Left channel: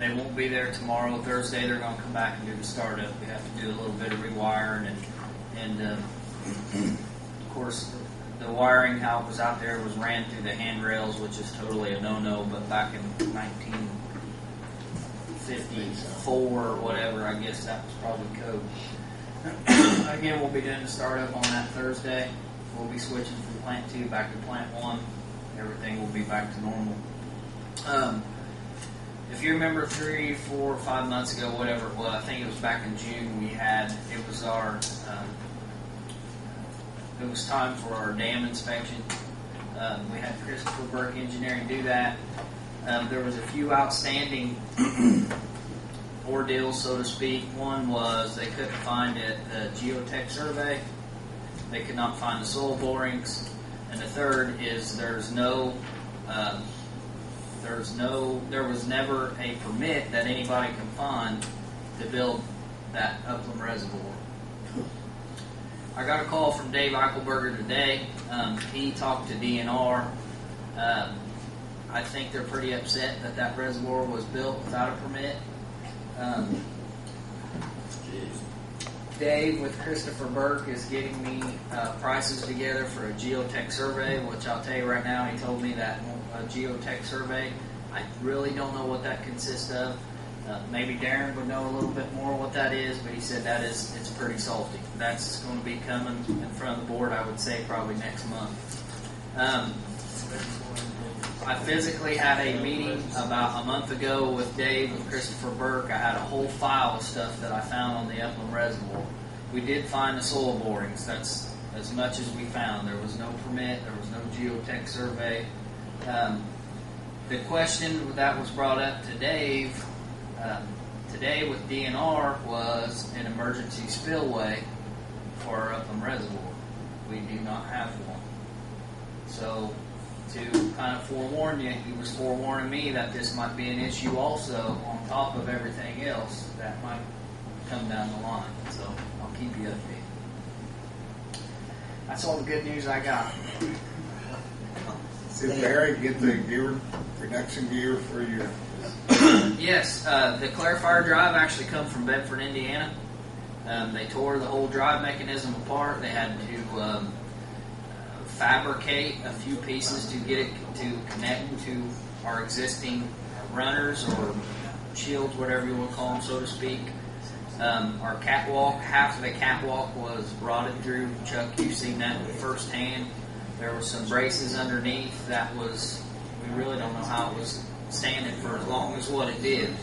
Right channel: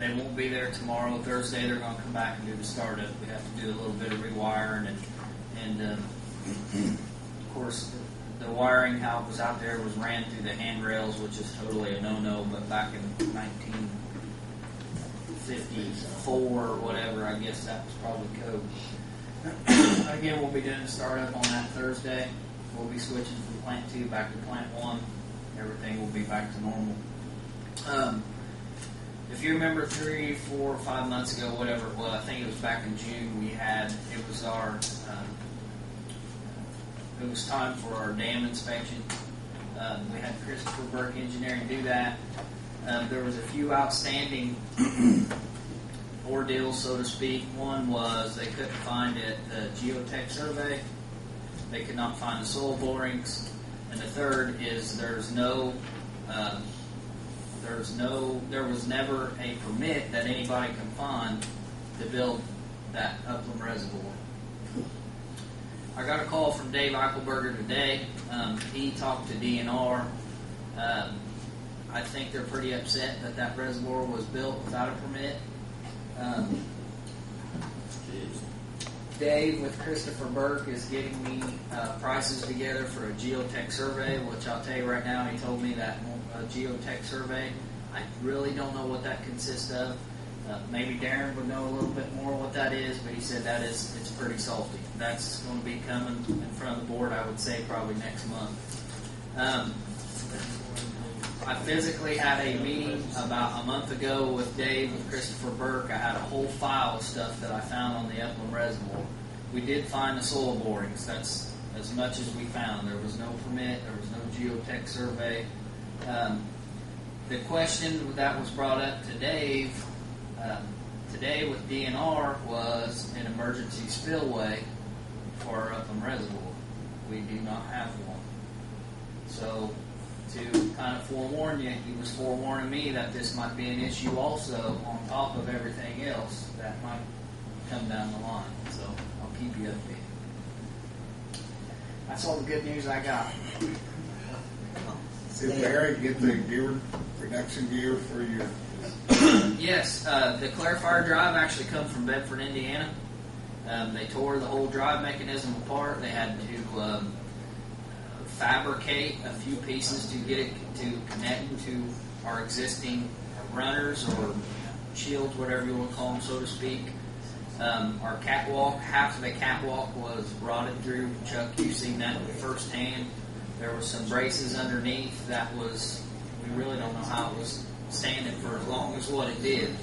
They won't be there tomorrow. Thursday, they're going to come back and do the startup. We have to do a little bit of rewiring, and of course, the wiring, how it was out there, was ran through the handrails, which is totally a no-no. But back in 1954 or whatever, I guess that was probably code. Again, we'll be doing the startup on that Thursday. We'll be switching from plant 2 back to plant 1. Everything will be back to normal. If you remember 3, 4, 5 months ago, whatever it was, I think it was back in June, it was time for our dam inspection. We had Christopher Burke Engineering do that. There was a few outstanding ordeals, so to speak. One was they couldn't find the geotech survey. They could not find the soil borings. And the third is there was never a permit that anybody can find to build that upland reservoir. I got a call from Dave Eichelberger today. He talked to DNR. I think they're pretty upset that reservoir was built without a permit. Dave with Christopher Burke is getting me prices together for a geotech survey, which I'll tell you right now, he told me that a geotech survey, I really don't know what that consists of. Maybe Darren would know a little bit more what that is, but he said it's pretty salty. That's going to be coming in front of the board, I would say, probably next month. I physically had a meeting about a month ago with Dave, with Christopher Burke. I had a whole file of stuff that I found on the upland reservoir. We did find the soil borings. That's as much as we found. There was no permit. There was no geotech survey. The question that was brought up to Dave today with DNR was an emergency spillway for our upland reservoir. We do not have one. So, to kind of forewarn you, he was forewarning me that this might be an issue also on top of everything else that might come down the line. So I'll keep you updated. That's all the good news I got. Did Barry get the gear, production gear for your? Yes, the clarifier drive actually come from Bedford, Indiana. They tore the whole drive mechanism apart. They had to fabricate a few pieces to get it to connect to our existing runners or shields, whatever you want to call them, so to speak. Our catwalk, half of the catwalk was rotted through. Chuck, you've seen that firsthand. There was some braces underneath that we really don't know how it was standing for as long as what it did.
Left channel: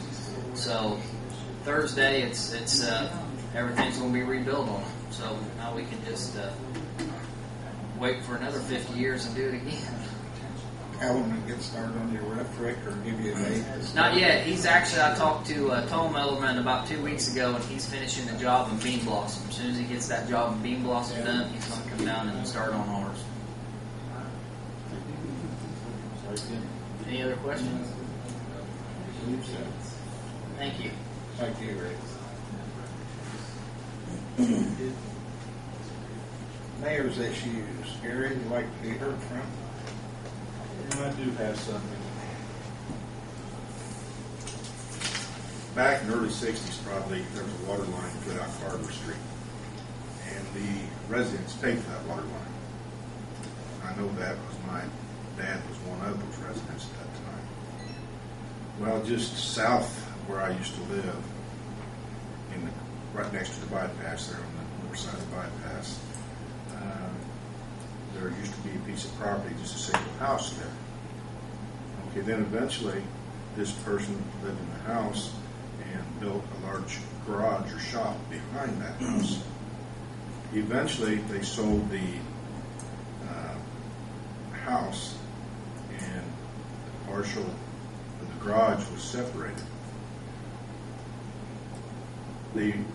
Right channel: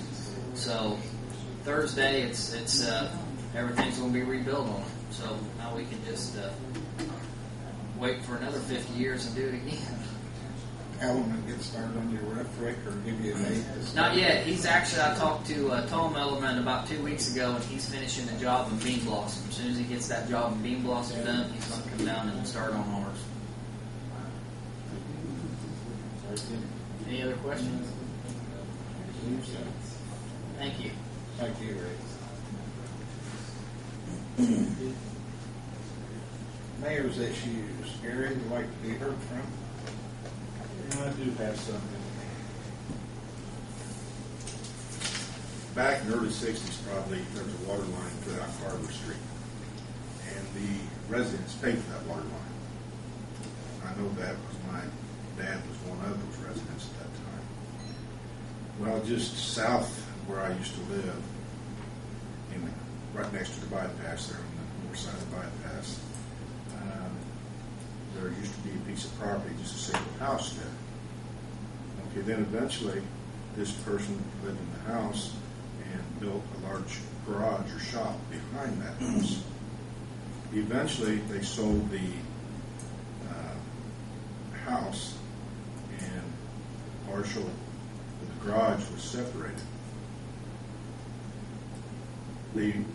So Thursday, it's everything's going to be rebuilt on it. So now we can just wait for another 50 years and do it again. Alan, get started on your ref Rick, or give you a date? Not yet. I talked to Tom Ellerman about 2 weeks ago, and he's finishing the job in Bean Blossom. As soon as he gets that job in Bean Blossom done, he's going to come down and start on ours. Any other questions? Thank you. Thank you, Rick. Mayor's issues. Gary, would you like to be heard from? I do have something. Back in the early 60s, probably, there was a water line put out Carver Street. And the residents paid for that water line. I know that because my dad was one of those residents at that time. Well, just south of where I used to live, right next to the bypass there on the north side of the bypass, there used to be a piece of property, just a single house there. Okay, then eventually this person lived in the house and built a large garage or shop behind that house. Eventually they sold the house, and the partial of the garage was separated.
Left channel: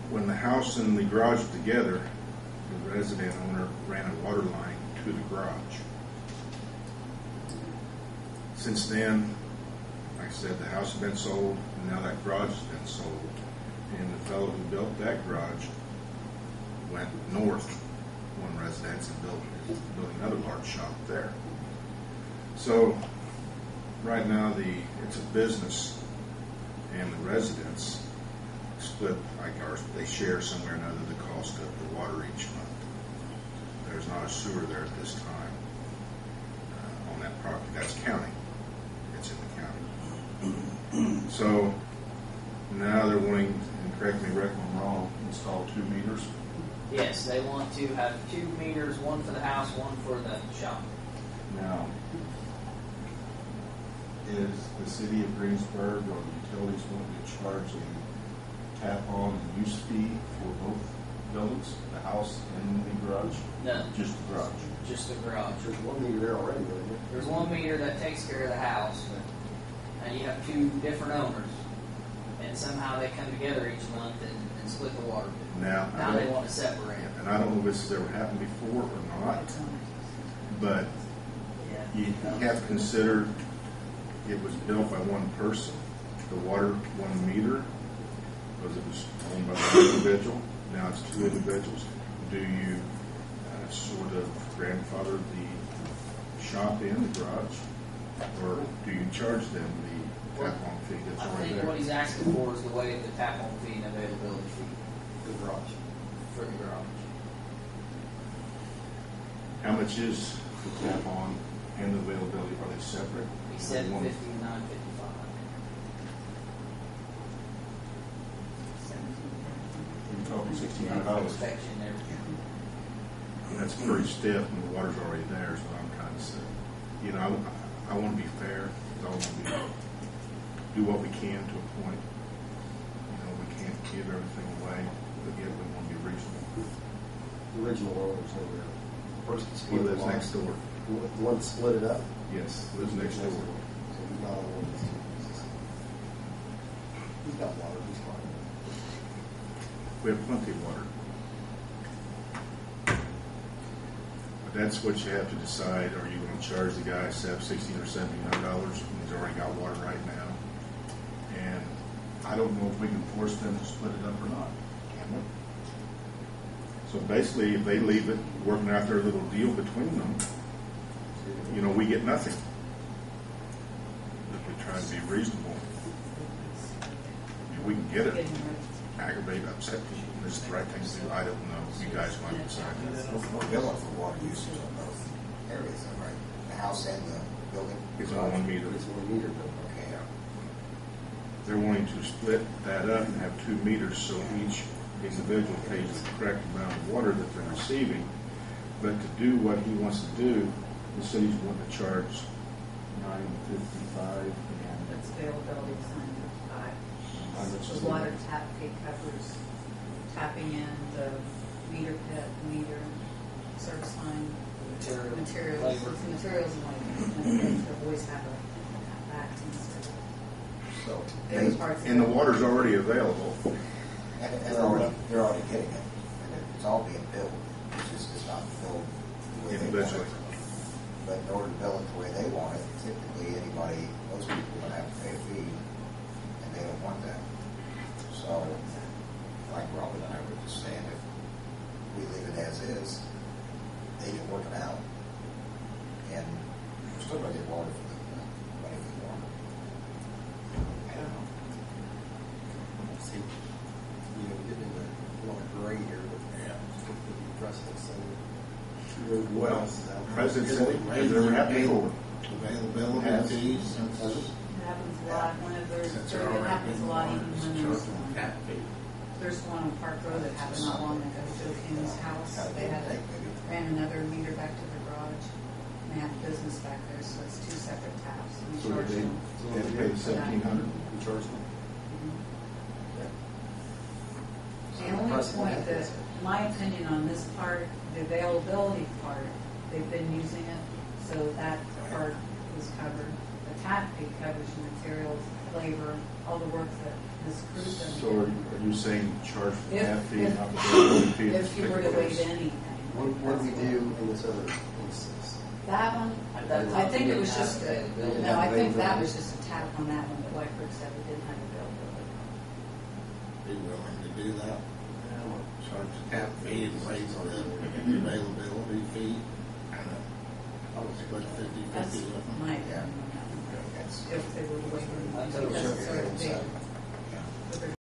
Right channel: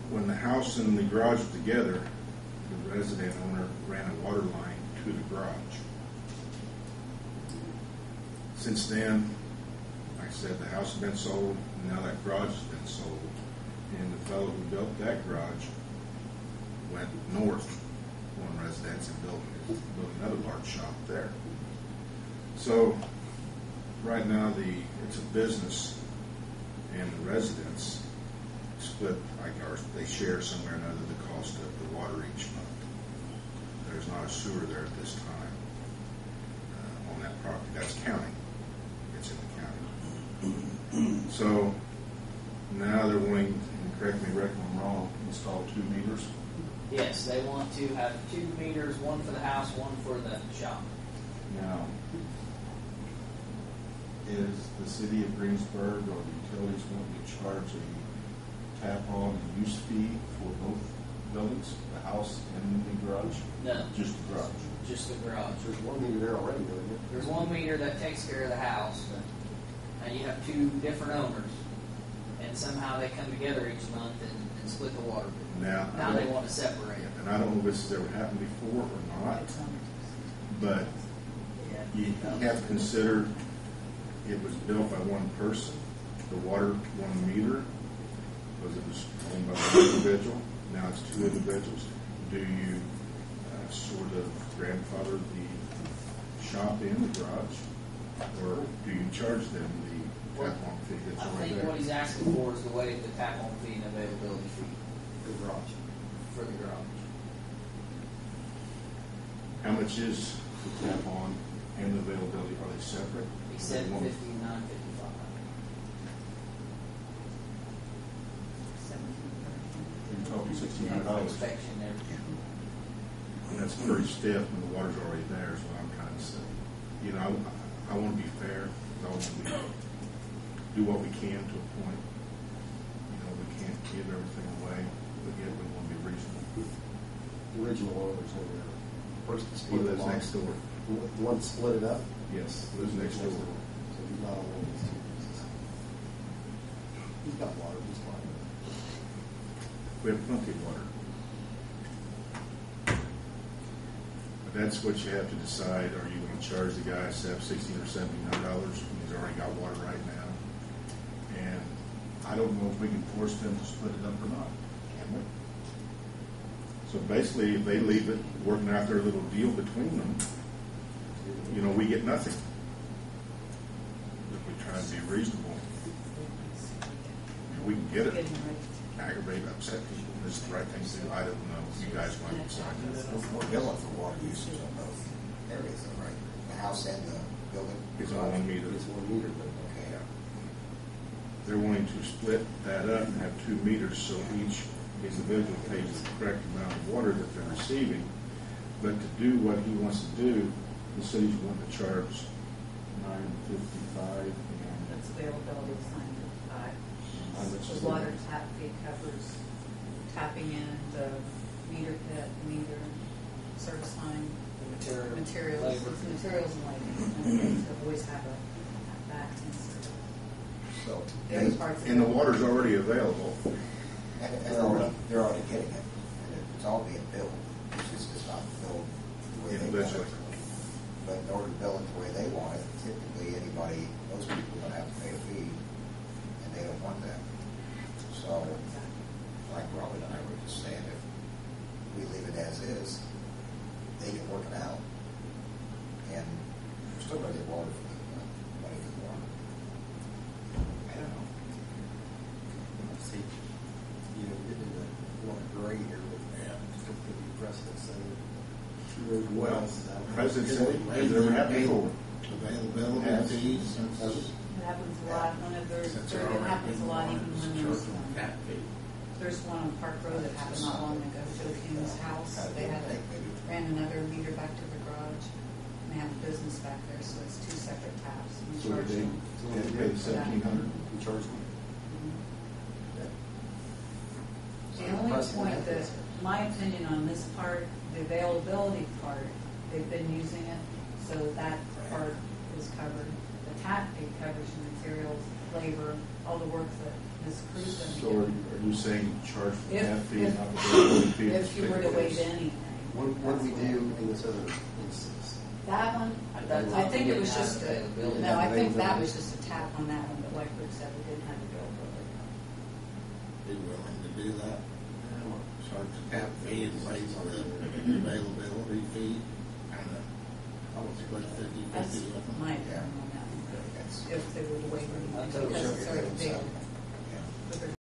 When the house and the garage were together, the resident owner ran a water line to the garage. Since then, like I said, the house has been sold, and now that garage has been sold. And the fellow who built that garage went north one residence and built another large shop there. So right now it's a business, and the residents split, like ours, they share somewhere or another the cost of the water each month. There's not a sewer there at this time on that property. That's county. It's in the county. So now they're wanting, and correct me, Rick, if I'm wrong, install 2 meters. Yes, they want to have 2 meters, one for the house, one for the shop. Now, is the city of Greensburg or the utilities wanting to charge a tap-on and use fee for both buildings, the house and the garage? No, Just the garage. just the garage. There's 1 meter there already, isn't there? There's 1 meter that takes care of the house, and you have 2 different owners, and somehow they come together each month and split the water bill. Now they want to separate. And I don't know if this has ever happened before or not, but you have to consider it was built by one person, the water 1 meter, because it was owned by one individual. Now it's 2 individuals. Do you sort of grandfather the shop in, the garage, or do you charge them the tap-on fee that's I already think there? what he's asking for is the way the tap-on fee and availability fee The garage. for the garage. How much is the tap-on and the availability? Are they separate? He said One- 59.55. You're talking $1,600. Inspection and everything. And that's pretty stiff when the water's already there, is what I'm kind of saying. You know, I want to be fair. I want to do what we can to a point. You know, we can't give everything away, but yet we want to be reasonable. The original owners over there. The person that He split lives it off. next door. The one that split it up? Yes, lives next door. So he's not on one of these 2 pieces. He's got water, he's fine. We have plenty of water. But that's what you have to decide. Are you going to charge the guy $1,600 or $1,700 when he's already got water right now? And I don't know if we can force them to split it up or not. Can we? So basically, if they leave it working out their little deal between them, you know, we get nothing. If we try to be reasonable, I mean, we can get it. Aggravate, upset people. This is the right thing to do. I don't know. You guys might decide. We're billing for water usage on both areas, though, right? The house and the building? It's on 1 meter. It's 1 meter, but Okay, yeah. They're wanting to split that up and have 2 meters so each individual pays the correct amount of water that they're receiving. But to do what he wants to do, the city's wanting to charge $9.55 and That's availability sign at 5. how much is The water that? tap fee covers tapping in the meter pit, meter, service line, materials, labor. materials and labor. And they always have a back insert. So, The other parts. And the water's already available. and they're already getting it, and it's all being billed. It's just not billed the way they want Individually. it. But in order to bill it the way they want it, typically most people are going to have to pay a fee, and they don't want that. So, like Robin and I were just saying, if we leave it as is, they can work it out, and we're still going to get water for the money for the water. I don't know. see, you know, getting into a lot of gray here, but it's going to be precedent setting. Well, President said has it ever happened before? Availability fees since. It happens a lot whenever, Since they're it already happens a lot even when there's, Tap fee. there's one on Park Road that happened not long ago, Joe Kim's house. They had ran another meter back to the garage, and they have a business back there, so it's 2 separate taps. And we So charge they them. had to pay the $1,700? We charge them. The only point that, my opinion on this part, the availability part, they've been using it, so that part is covered. The tap fee covers your materials, labor, all the work that this crew's done. So are you saying charge for the If- tap fee and if- not the availability fee? If you were to waive anything. What do we do in this other instance? That one, At that I time, think we it was didn't have just, availability. no, I think that was just a tap on that one, but like Rick said, we didn't have availability. Be willing to do that? Charge the tap fee and waive the availability fee, kind of, I would split 50/50 That's with them. my opinion on that one. That's- If they were to waive I anything, totally because it's agree so with big. that.